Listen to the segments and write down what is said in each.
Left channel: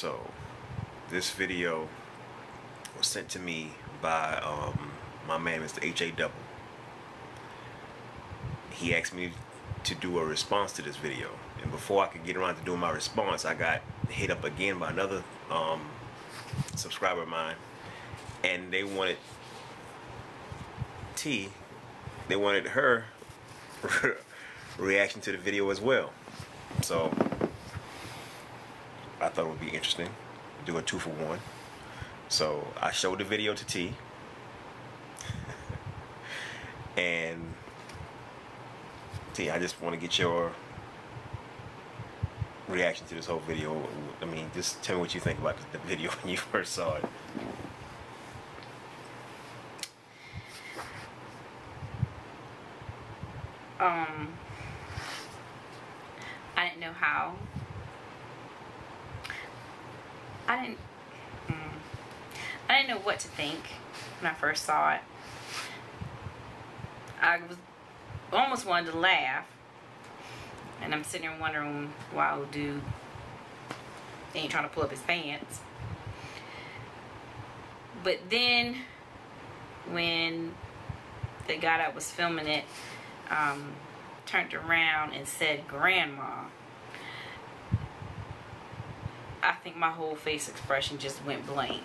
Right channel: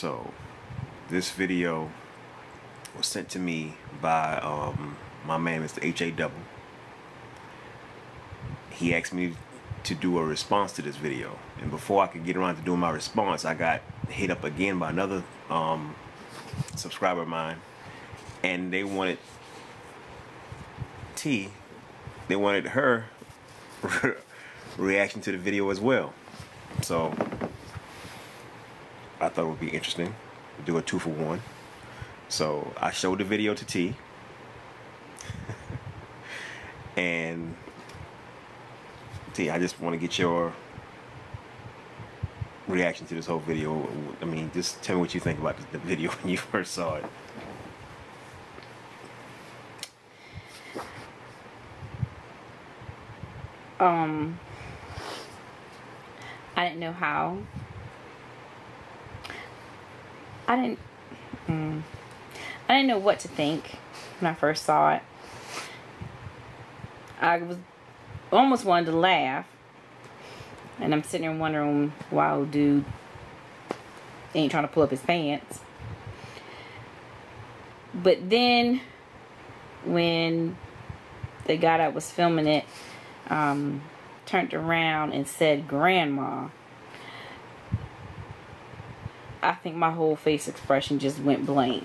So this video was sent to me by my man, Mr. H.A. He asked me to do a response to this video, and before I could get around to doing my response, I got hit up again by another subscriber of mine, and they wanted they wanted her reaction to the video as well. So I thought it would be interesting to do a 2-for-1. So I showed the video to T, and T, I just want to get your reaction to this whole video. I mean, just tell me what you think about the video when you first saw it. I didn't know how. I didn't know what to think when I first saw it. I almost wanted to laugh, and I'm sitting there wondering why old dude ain't trying to pull up his pants. But then when the guy that was filming it turned around and said grandma, I think my whole face expression just went blank.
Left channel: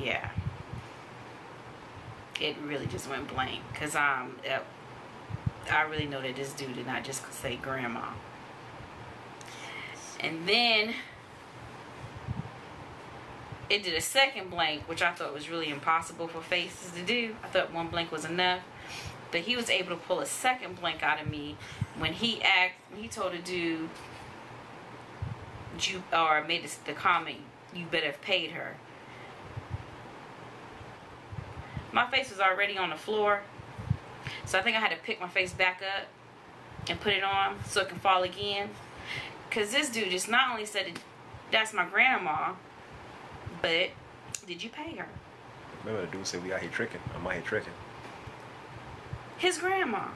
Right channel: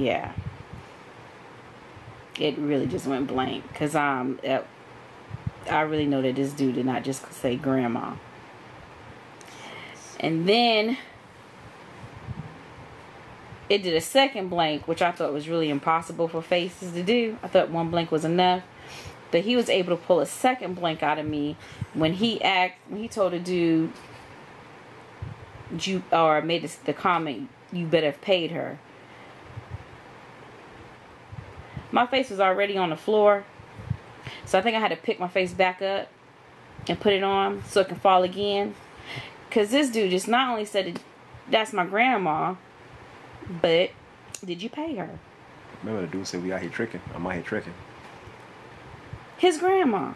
Yeah, it really just went blank, because I really know that this dude did not just say grandma. And then it did a second blank, which I thought was really impossible for faces to do. I thought one blank was enough, but he was able to pull a second blank out of me when he told the dude, or made the comment, "You better have paid her." My face was already on the floor, so I think I had to pick my face back up and put it on so it can fall again. Because this dude just not only said, "That's my grandma," but did you pay her? Remember the dude said, "We out here tricking. I'm out here tricking." His grandma.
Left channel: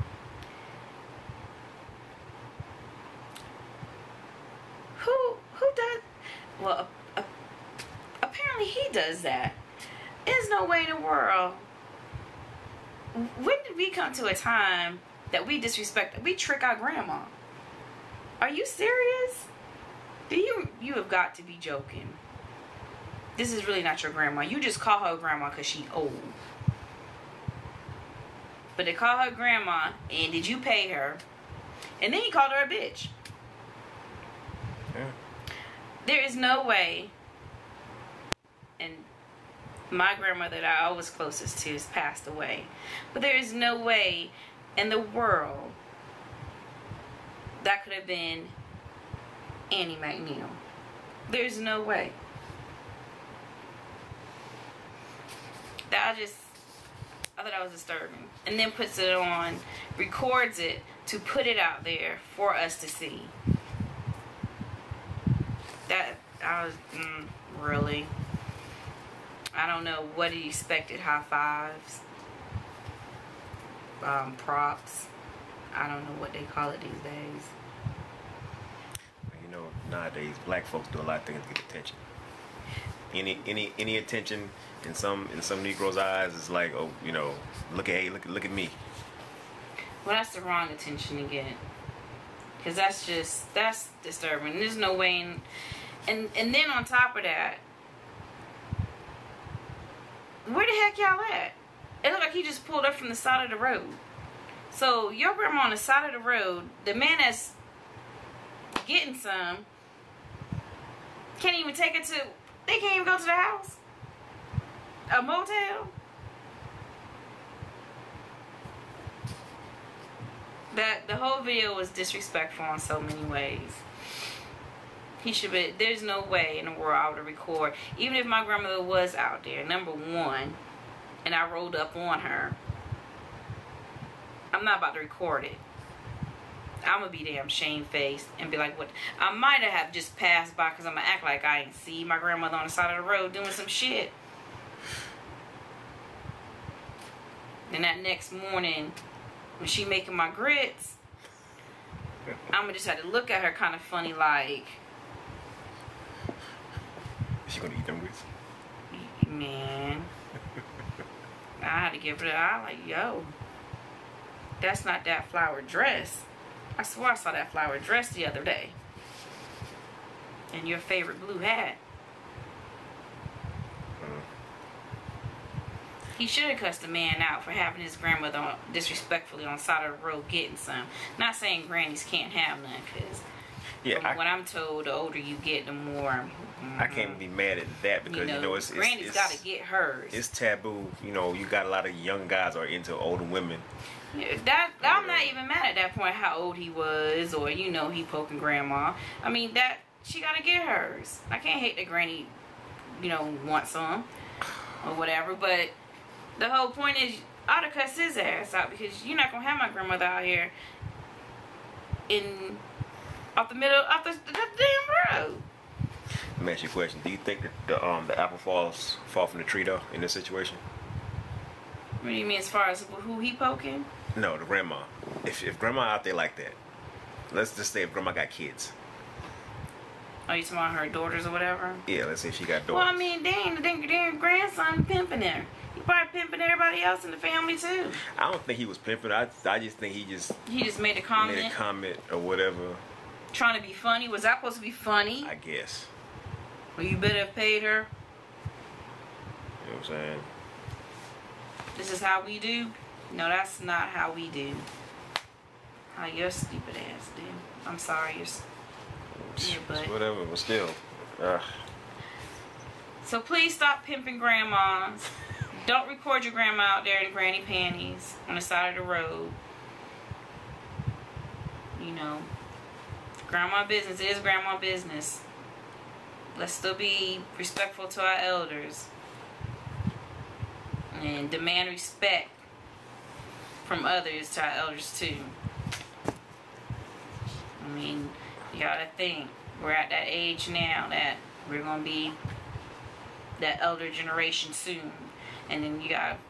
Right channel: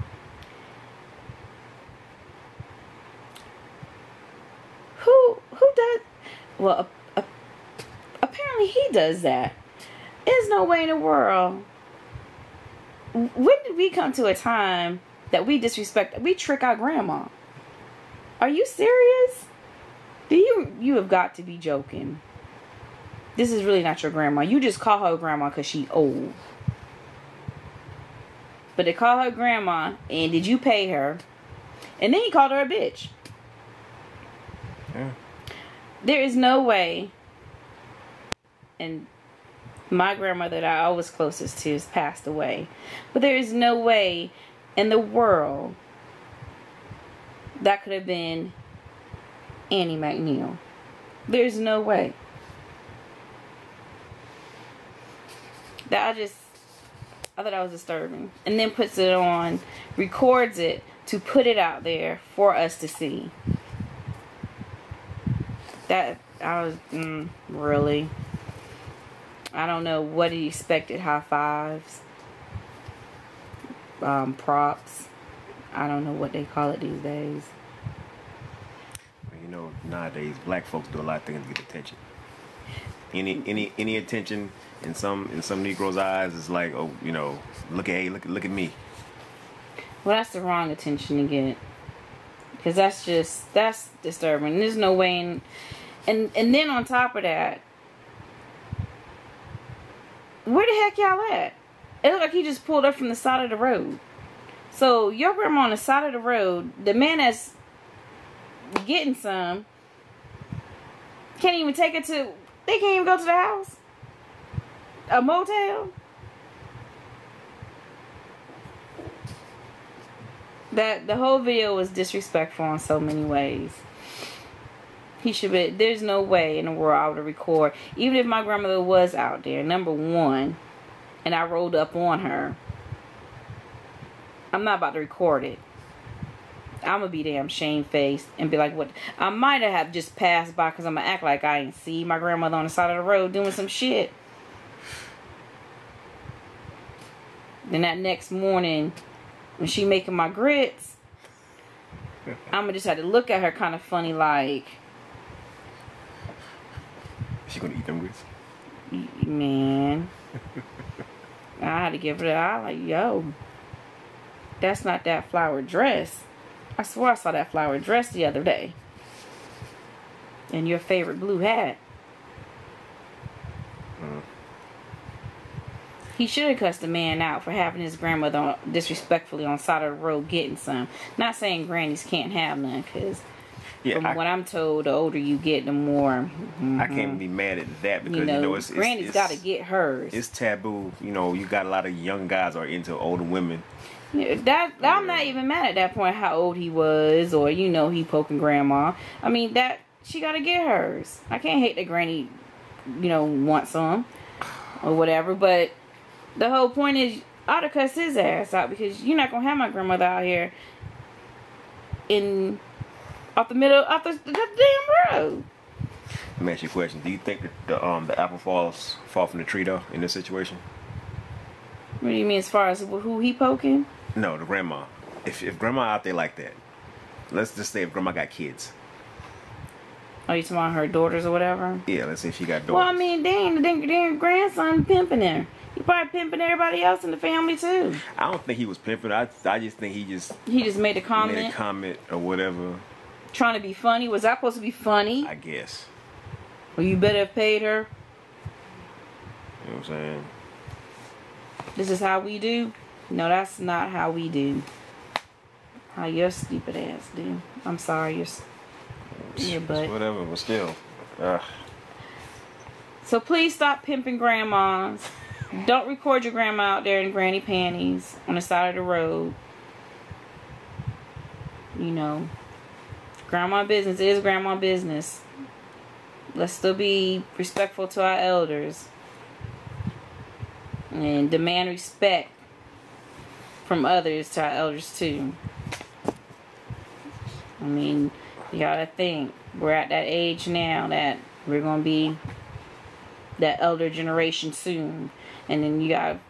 Who does? Well, apparently he does that. There's no way in the world. When did we come to a time that we trick our grandma? Are you serious? You have got to be joking. This is really not your grandma. You just call her grandma because she's old. But they call her grandma, and did you pay her? And then he called her a bitch. Yeah. There is no way, and my grandmother that I was closest to has passed away, but there is no way in the world that could have been Annie McNeil. There's no way. I thought that was disturbing. And then puts it on, records it to put it out there for us to see. Really? I don't know what he expected. High fives, props. I don't know what they call it these days. You know, nowadays black folks do a lot of things to get attention. Any attention in some Negroes' eyes is like, oh, you know, look at me. Well, that's the wrong attention to get, because that's disturbing. There's no way. And then on top of that, where the heck y'all at? It looked like he just pulled up from the side of the road. So your grandma on the side of the road, the man that's getting some can't even take it to. They can't even go to the house. A motel. The whole video was disrespectful in so many ways. He should be. There's no way in the world I would record, even if my grandmother was out there, number one, and I rolled up on her. I'm not about to record it. I'm gonna be damn shamefaced and be like, what? I might have just passed by because I'm gonna act like I ain't see my grandmother on the side of the road doing some shit. Then that next morning, when she making my grits, I'm gonna just have to look at her kind of funny, like. She gonna eat them grits? Man. I had to give her the eye, like, yo. That's not that flower dress. I swear I saw that flower dress the other day. And your favorite blue hat. He should have cussed the man out for having his grandmother disrespectfully on the side of the road getting some. Not saying grannies can't have none, because from what I'm told, the older you get, the more. I can't be mad at that because it's granny's got to get hers. It's taboo. You got a lot of young guys are into older women. Yeah, I'm not even mad at that point how old he was, or he poking grandma. I mean she got to get hers. I can't hate that granny, wants some or whatever, but. The whole point is, I ought to cuss his ass out because you're not going to have my grandmother out here off the damn road. Let me ask you a question. Do you think that the apple fall from the tree, though, in this situation? What do you mean as far as who he poking? No, the grandma. If grandma out there like that, let's just say if grandma got kids. Are you talking about her daughters or whatever? Yeah, let's say if she got daughters. Well, I mean, dang grandson pimping her. He probably pimping everybody else in the family too. I don't think he was pimping. I just think he just made a comment. Made a comment or whatever. Trying to be funny. Was that supposed to be funny? I guess. Well, you better have paid her. You know what I'm saying? This is how we do? No, that's not how we do. How your stupid ass do. I'm sorry, your butt. Whatever, but still. So please stop pimping grandmas. Don't record your grandma out there in granny panties on the side of the road. Grandma business is grandma business. Let's still be respectful to our elders. And demand respect from others to our elders too. I mean, you gotta think. We're at that age now that we're gonna be that elder generation soon. And then you got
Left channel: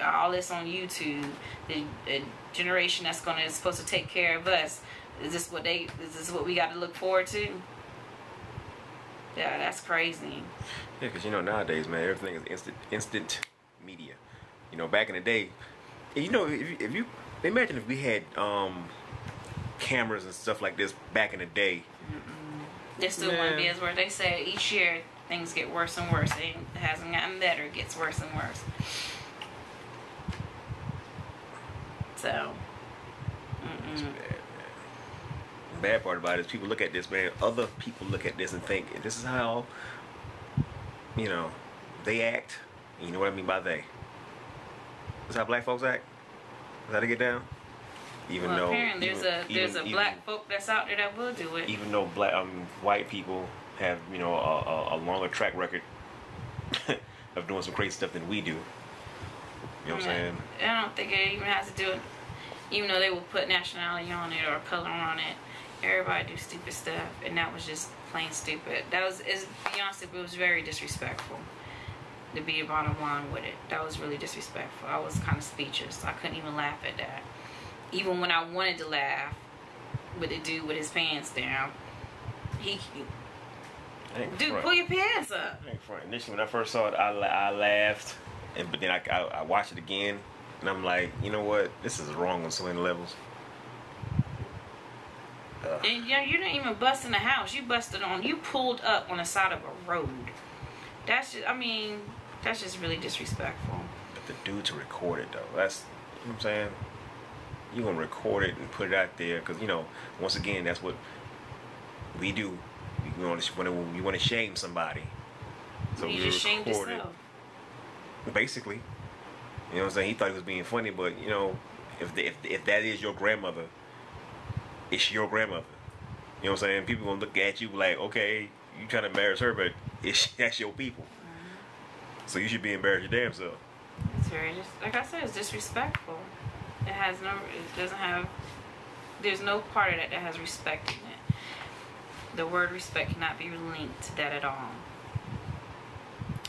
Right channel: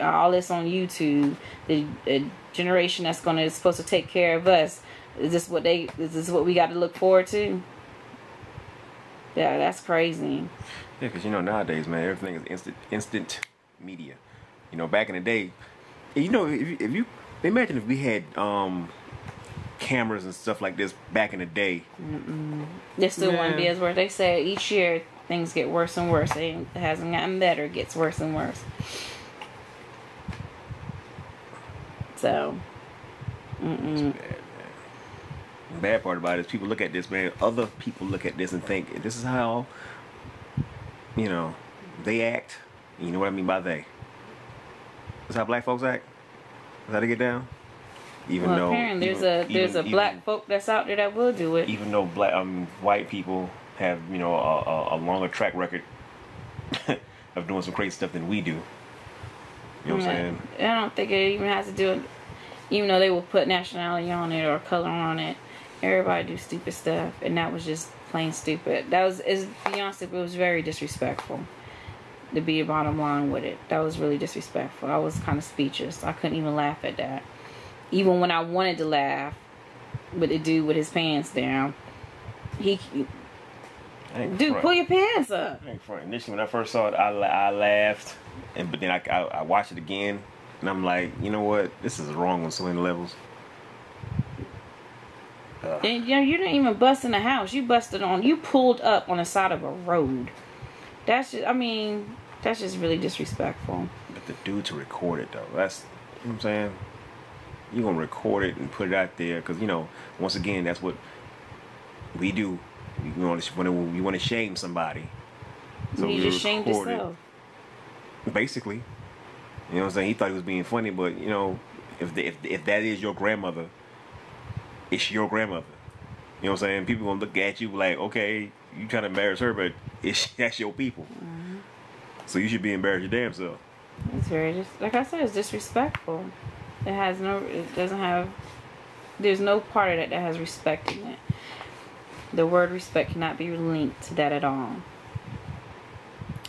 all this on YouTube. The generation that's supposed to take care of us. Is this what we got to look forward to? Yeah, that's crazy. Yeah, because nowadays, man, everything is instant media. Back in the day, if you imagine if we had cameras and stuff like this back in the day. This still wouldn't be as worse. They say each year things get worse and worse. It hasn't gotten better. It gets worse and worse. So, It's bad, man. The bad part about it is people look at this, man. Other people look at this and think this is how, they act. You know what I mean by they? That's how black folks act. That's how they get down. Even though apparently there's a black folk that's out there that will do it. Even though white people have a longer track record of doing some crazy stuff than we do. You know what I'm saying? I don't think it even has to do it. Even though they will put nationality on it or color on it, everybody do stupid stuff, and that was just plain stupid. To be honest, it was very disrespectful. To be the bottom line with it, that was really disrespectful. I was kind of speechless. I couldn't even laugh at that. Even when I wanted to laugh with the dude with his pants down, pull your pants up. I ain't front. Initially, when I first saw it, I laughed, but then I watched it again, and I'm like, you know what? This is wrong on so many levels. And, you didn't even bust in the house. You pulled up on the side of a road. That's just really disrespectful. But the dude to record it though, that's, you know what I'm saying? You're going to record it and put it out there because, once again, that's what we do. You want to shame somebody. So you just shamed yourself. Basically. You know what I'm saying? He thought he was being funny, but, if that is your grandmother, it's your grandmother. You know what I'm saying? People going to look at you like, okay, you trying to embarrass her, but that's your people. Mm-hmm. So you should be embarrassed your damn self. It's like I said, it's disrespectful. There's no part of that has respect in it. The word respect cannot be linked to that at all.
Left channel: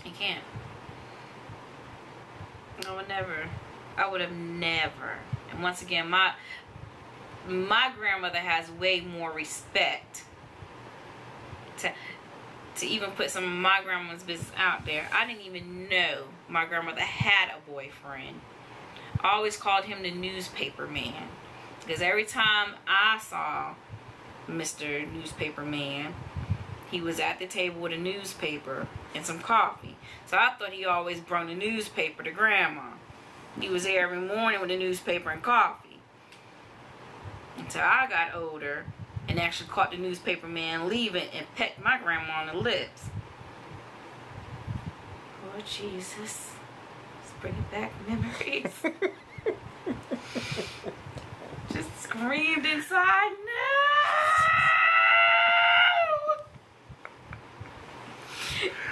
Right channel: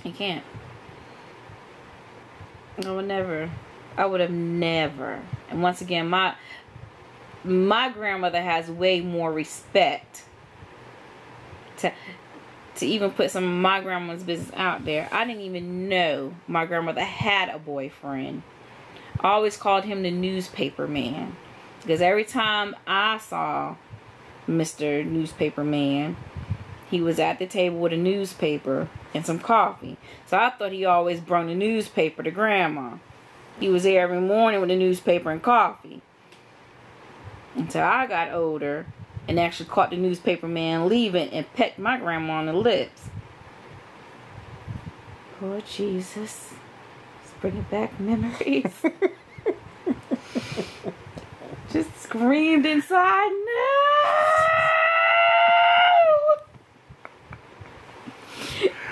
It can't. I would have never. And once again, my grandmother has way more respect to even put some of my grandma's business out there. I didn't even know my grandmother had a boyfriend. I always called him the newspaper man, because every time I saw Mr. Newspaper Man, he was at the table with a newspaper and some coffee. So I thought he always brought the newspaper to Grandma. He was there every morning with the newspaper and coffee. Until I got older and actually caught the newspaper man leaving and pecked my grandma on the lips. Oh, Jesus. Let's bring it back memories. Just screamed inside, no!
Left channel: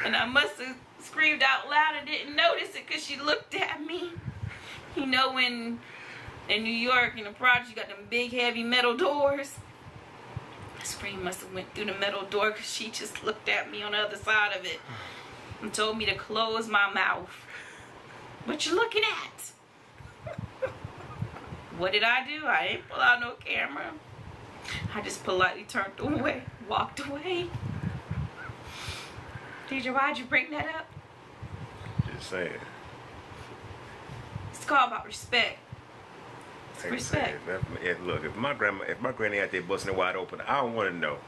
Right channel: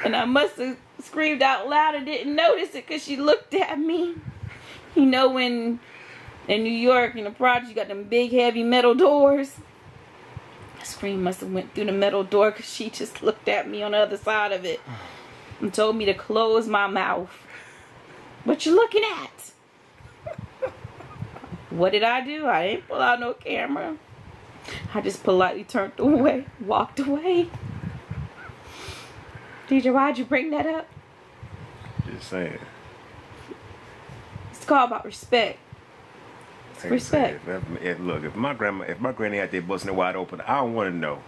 And I must have screamed out loud and didn't notice it because she looked at me. You know, when in New York, in the project, you got them big, heavy metal doors. The scream must have went through the metal door because she just looked at me on the other side of it and told me to close my mouth. What you looking at? What did I do? I didn't pull out no camera. I just politely turned away, walked away. DJ, why'd you bring that up? Just saying. It's called about respect. Respect. If my granny out there busting it wide open, I don't want to know.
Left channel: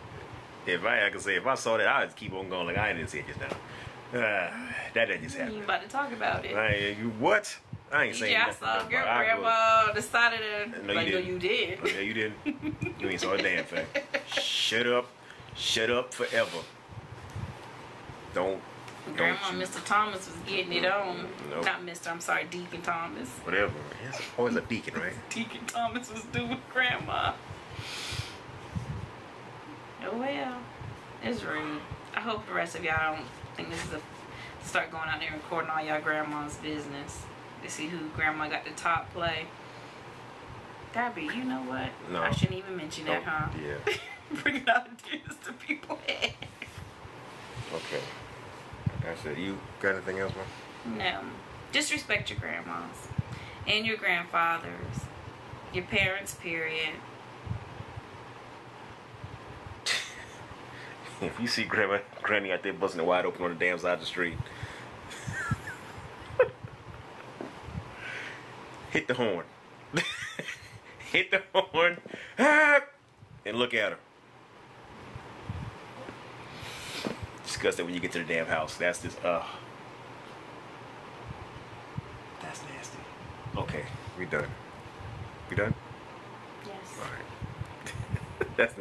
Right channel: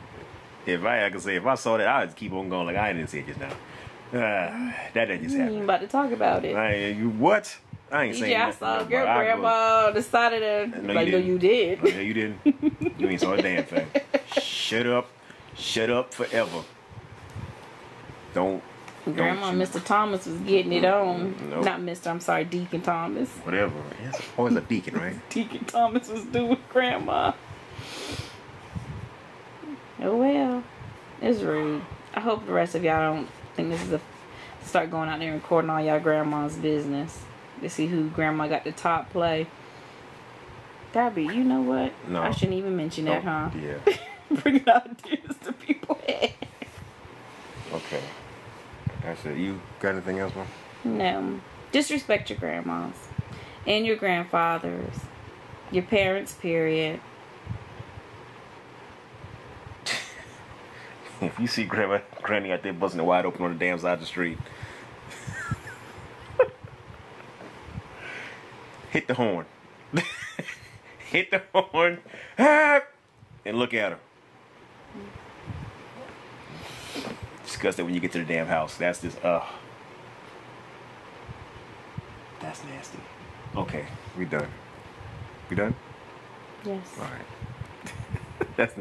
If I saw that, I'd just keep on going like I didn't see it just now. That just happened. I'm about to talk about it. You what? I ain't saying nothing. I saw your grandma decided to. No, like, no, you did. Oh, yeah, you didn't. You ain't saw a damn thing. Shut up forever. Grandma, Mr. Thomas was getting it on. Nope. Not Mr. I'm sorry, Deacon Thomas. Whatever. It's always a deacon, right? Deacon Thomas was doing Grandma. Oh well, it's rude. I hope the rest of y'all don't think this is start going out there and recording all y'all grandma's business to see who Grandma got the top play. That'd be, you know what? No. I shouldn't even mention that, huh? Yeah. Bringing ideas to people. Okay. That's it. You got anything else, man? No. Just respect your grandmas and your grandfathers, your parents, period. If you see Granny out there busting it wide open on the damn side of the street, hit the horn. Hit the horn. And look at her. Discuss that when you get to the damn house. That's just, that's nasty. Okay, we done. We done? Yes. All right. That's